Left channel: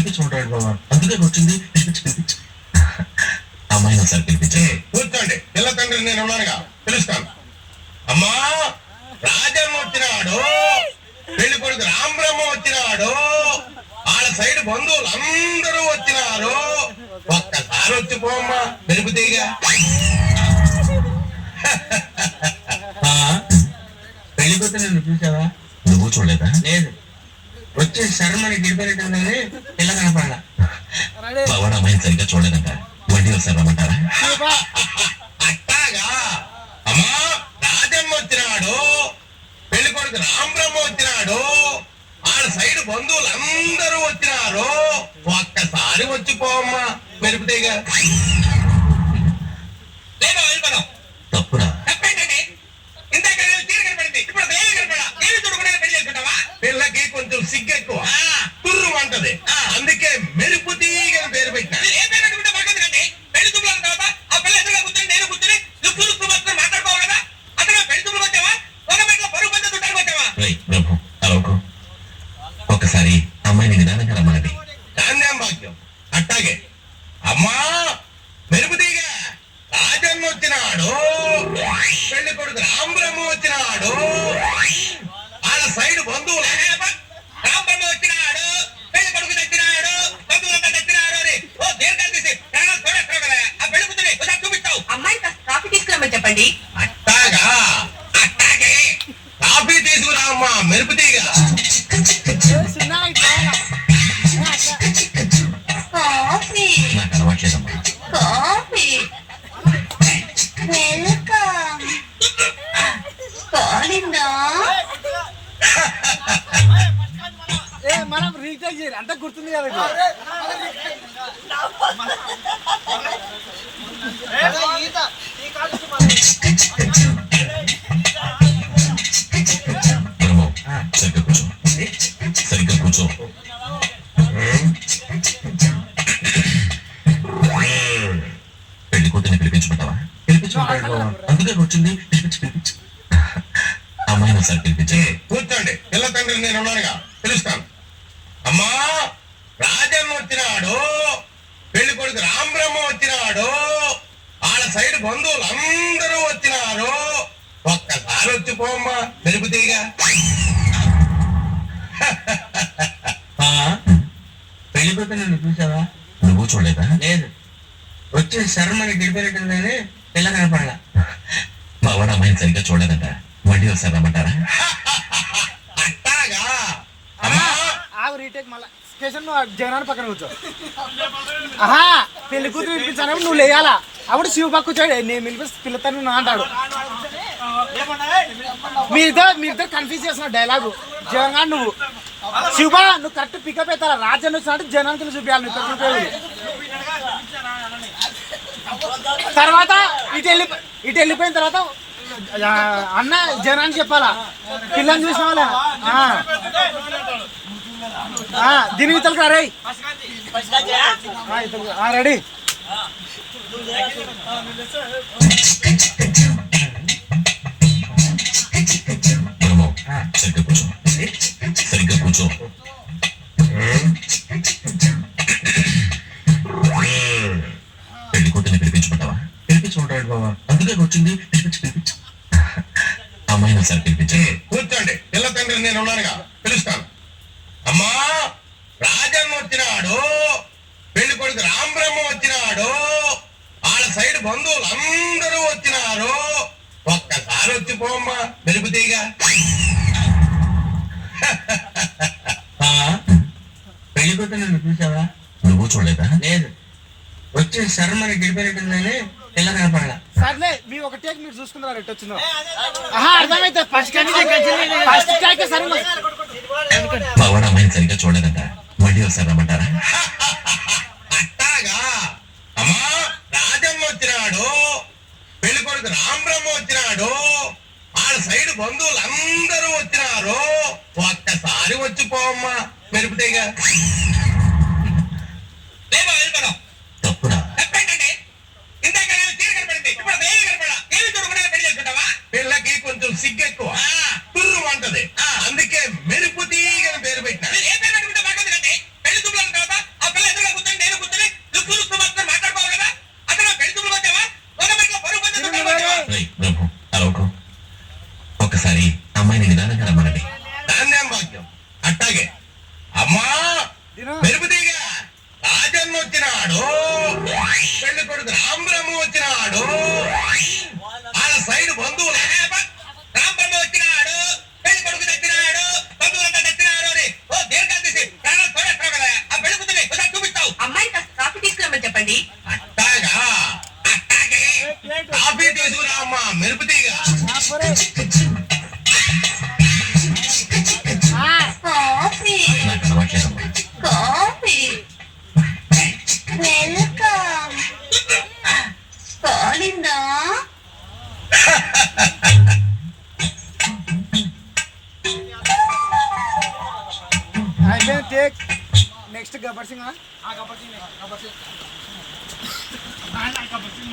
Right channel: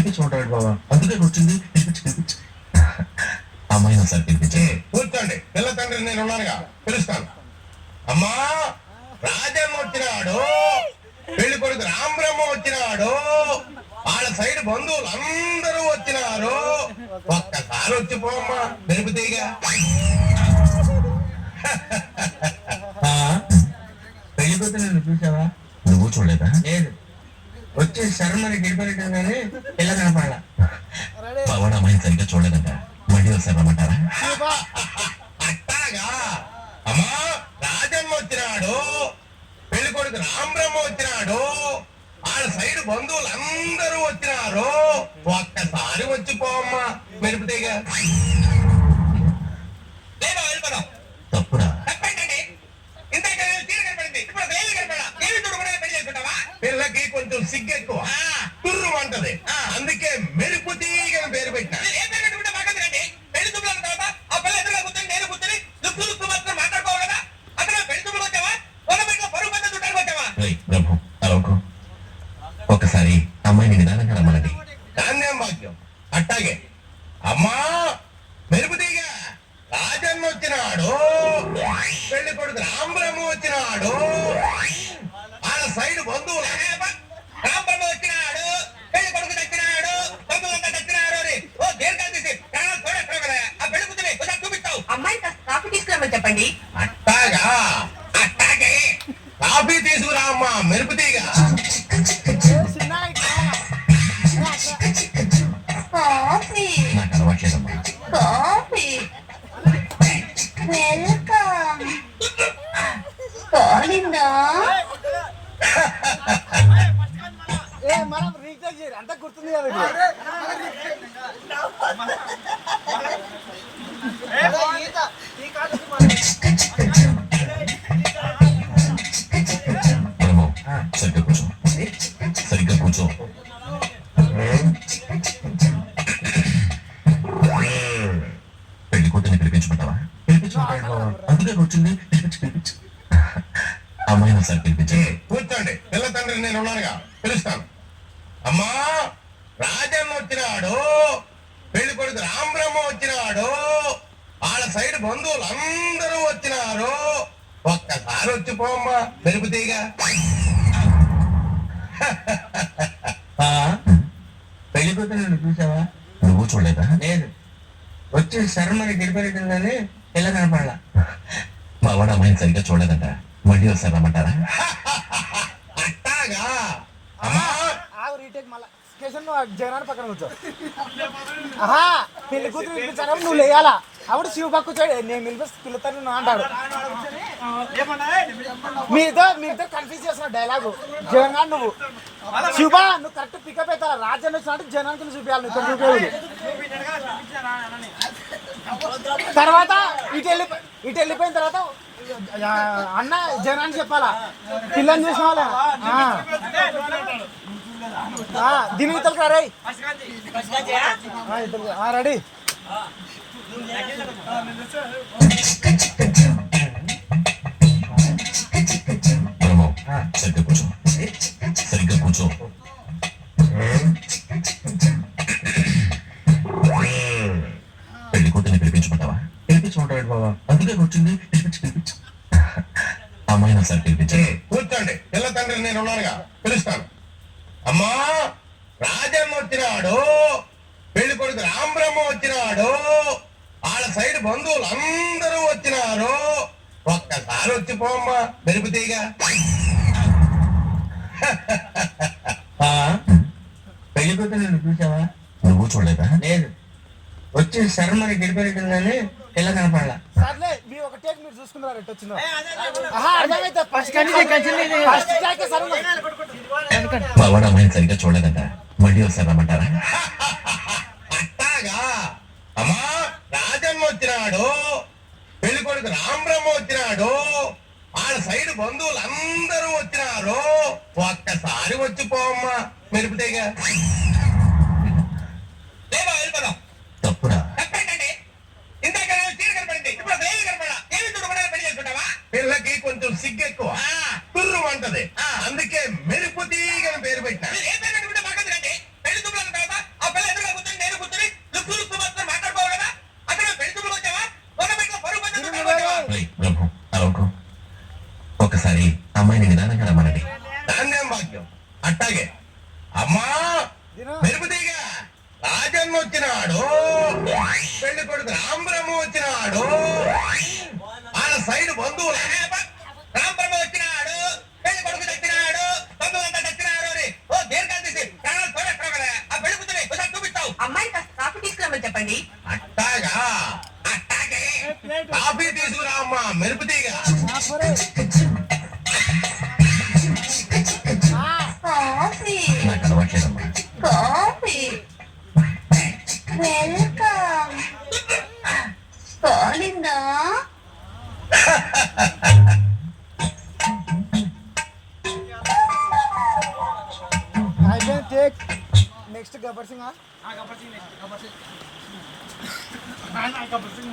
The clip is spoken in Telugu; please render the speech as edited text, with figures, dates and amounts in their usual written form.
పిలిపించుకుంటాడు బాబా, అందుకే వచ్చింది. పిలిపించి అమ్మాయిని ఒకసారి పిలిపించే. కూర్చోండి, పిల్ల తండ్రి నేను ఉన్నానుగా, పిలుస్తాను. అమ్మా, రాజమ్మ వచ్చినాడు, పెళ్లి కొడుకు రామబ్రహ్మ వచ్చినాడు, వాళ్ళ సైడ్ బంధువులు అందరూ వచ్చినారు. ఒక్కసారి వచ్చి పోమ్మా, మెరుపుతీగా. పెళ్లి కూతురు నేను చూసావా? నువ్వు చూడలేదా? లేదు, వచ్చి శర్మని గిడిపెట్టగానే పిల్ల కనపడాల. పవన్ అమ్మాయిని సరిగ్గా చూడలేదంట, మళ్ళీ ఒకసారి రమ్మంటారా? అట్టాగా. అమ్మా, రాజమ్మ వచ్చినాడు, పెళ్లి కొడుకు రామబ్రహ్మ వచ్చినాడు, వాళ్ళ సైడ్ బంధువులు అందరూ వచ్చినారు. ఒక్కసారి వచ్చి పోమ్మా, మెరుపుతీగా. తప్పురా? పిల్లకి కొంచెం సిగ్గు ఎక్కువ, తుర్రు అంటది, అందుకే మెరుపు తీగని పేరు పెట్టినా. ఒకసారి అమ్మాయిని నిదానంగా రమ్మనండి. ధాన్యం భాగ్యం. అట్టాగే. అమ్మా, మెరుపు తీగ రాజమ్మ వచ్చినాడు, పెళ్లి కొడుకు రామబ్రహ్మ వచ్చినాడు, వాళ్ళ సైడ్ బంధువులు రామబ్రహ్మ వచ్చినాడు, పెళ్లి కొడుకు తెచ్చినాడు, బంధువులంతా తెచ్చినారు అని ఓ దీర్ఘాలు తీసి ప్రాణాలు తోడేస్తావు కదా, ఆ పెళ్లి కూతురి ఒకసారి చూపిస్తావు. అమ్మాయి కాఫీ తీసుకురామని చెప్పండి. అట్టాగా. అట్టాగే, కాఫీ తీసుకురా అమ్మా, మెరుపు తీగ. కాఫీ నాకు అలవాట్లేదమ్మా. Coffee welcome. కాలిందా? మనం రీఛార్జ్ చేయాలి, అంతా గుర్తుంది కదా. సరిగ్గా కూర్చో, సరిగ్గా కూర్చో. పెళ్లి కూతుర్ని పిలిపించుకుంటావా? పిలిపించుకుంటాడు బాబా, అందుకే వచ్చింది. పిలిపించి అమ్మాయిని ఒకసారి పిలిపించే. కూర్చోండి, పిల్ల తండ్రి నేను ఉన్నానుగా, పిలుస్తాను. అమ్మా, రాజమ్మ వచ్చినాడు, పెళ్లి కొడుకు రామబ్రహ్మ వచ్చినాడు, వాళ్ళ సైడ్ బంధువులు అందరూ వచ్చినారు. ఒక్కసారి వచ్చి పోమ్మా, మెరుపుతీగా. పెళ్లి కూతురు నేను చూసావా? నువ్వు చూడలేదా? లేదు, వచ్చి శర్మని గిడిపెట్టగానే పిల్ల కనపడాల. పవన్ అమ్మాయిని సరిగ్గా చూడలేదంట, మళ్ళీ ఒకసారి రమ్మంటారా? అట్టాగా. అమ్మా, రీటేక్ మళ్ళా స్టేషన్ జగనాన్ని పక్కన కూర్చో. ఆహా, పెళ్లి కూతురు పిలిపించాను, నువ్వు లేయాలా. అప్పుడు శివ పక్క కూర్చోడు, నేను పిలిపిస్తే పిల్లతాను అంటాడు. మీరిద్దరు కన్ఫ్యూజ్ చేసిన డైలాగు. జగన్ నువ్వు శివ, నువ్వు కరెక్ట్ పికప్ అవుతారా? రాజన్ వచ్చినట్టు జనానికి చూపించాలి. నువ్వు చూపేది తర్వాత ఇటు వెళ్ళిపోయిన తర్వాత అన్న జనాన్ని చెప్పాలా, పిల్లని చూసిన వాళ్ళ దీని ఇతలకి రే రెడీ. సరిగ్గా కూర్చో, సరిగ్గా కూర్చో. పెళ్లి కూతుర్ని పిలిపించుకుంటావా? పిలిపించుకుంటాడు బాబా, అందుకే వచ్చింది. పిలిపించి అమ్మాయిని ఒకసారి పిలిపించే. కూర్చోండి, పిల్ల తండ్రి నేను ఉన్నానుగా, పిలుస్తాను. అమ్మా, రాజమ్మ వచ్చినాడు, పెళ్లి కొడుకు రామబ్రహ్మ వచ్చినాడు, వాళ్ళ సైడ్ బంధువులు అందరూ వచ్చినారు. ఒక్కసారి వచ్చి పోమ్మా, మెరుపుతీగా. పెళ్లి కూతురు నేను చూసావా? నువ్వు చూడలేదా? లేదు, వచ్చి శర్మని గిడిపెట్టగానే పిల్ల కనపడాల. సర్లే, మీ ఒక టేక్ మీరు చూసుకున్నారు. ఎట్టు వచ్చిందో పవన్ అమ్మాయిని సరిగ్గా చూడలేదంట, మళ్ళీ ఒకసారి రమ్మంటారా? అట్టాగా. అమ్మా, రాజమ్మ వచ్చినాడు, పెళ్లి కొడుకు రామబ్రహ్మ వచ్చినాడు, వాళ్ళ సైడ్ బంధువులు అందరూ వచ్చినారు. ఒక్కసారి వచ్చి పోమ్మా, మెరుపుతీగా. తప్పురా? పిల్లకి కొంచెం సిగ్గు ఎక్కువ, తుర్రు అంటది, అందుకే మెరుపు తీగని పేరు పెట్టినా. భాగ్యం అట్టాగే అమ్మా తిను. మెరుపు తీగ రాజన్న వచ్చినాడు పెళ్లి కొడుకు రాంబ్రహ్మ వచ్చినాడు వాళ్ళ సైడ్ బంధువులు రాంబ్రహ్మ వచ్చినాడు పెళ్లి కొడుకు తెచ్చినాడు బంధువులంతా తెచ్చినాడు అని ఓ దీర్ఘాలు తీసి ఛానల్ చూడట్లేదు కదా ఆ పెళ్లి కూతురి ఒకసారి చూపిస్తావు అమ్మాయిని కాస్త కాఫీ తీసుకురామని చెప్పండి అట్టాగా అట్టాగే ప్లేట్ కాఫీ తీసుకురా అమ్మా మెరుపు తీగ ఆపరే. ఆ, కాఫీ నాకు అలవాట్లేదమ్మా. కాఫీ వెల్కమ్ కాలిందా అయితే టేక్ నెక్స్ట్ గబ్బర్ సింగ్ గబ్బర్ సింగ్ గబ్బర్ సింగ్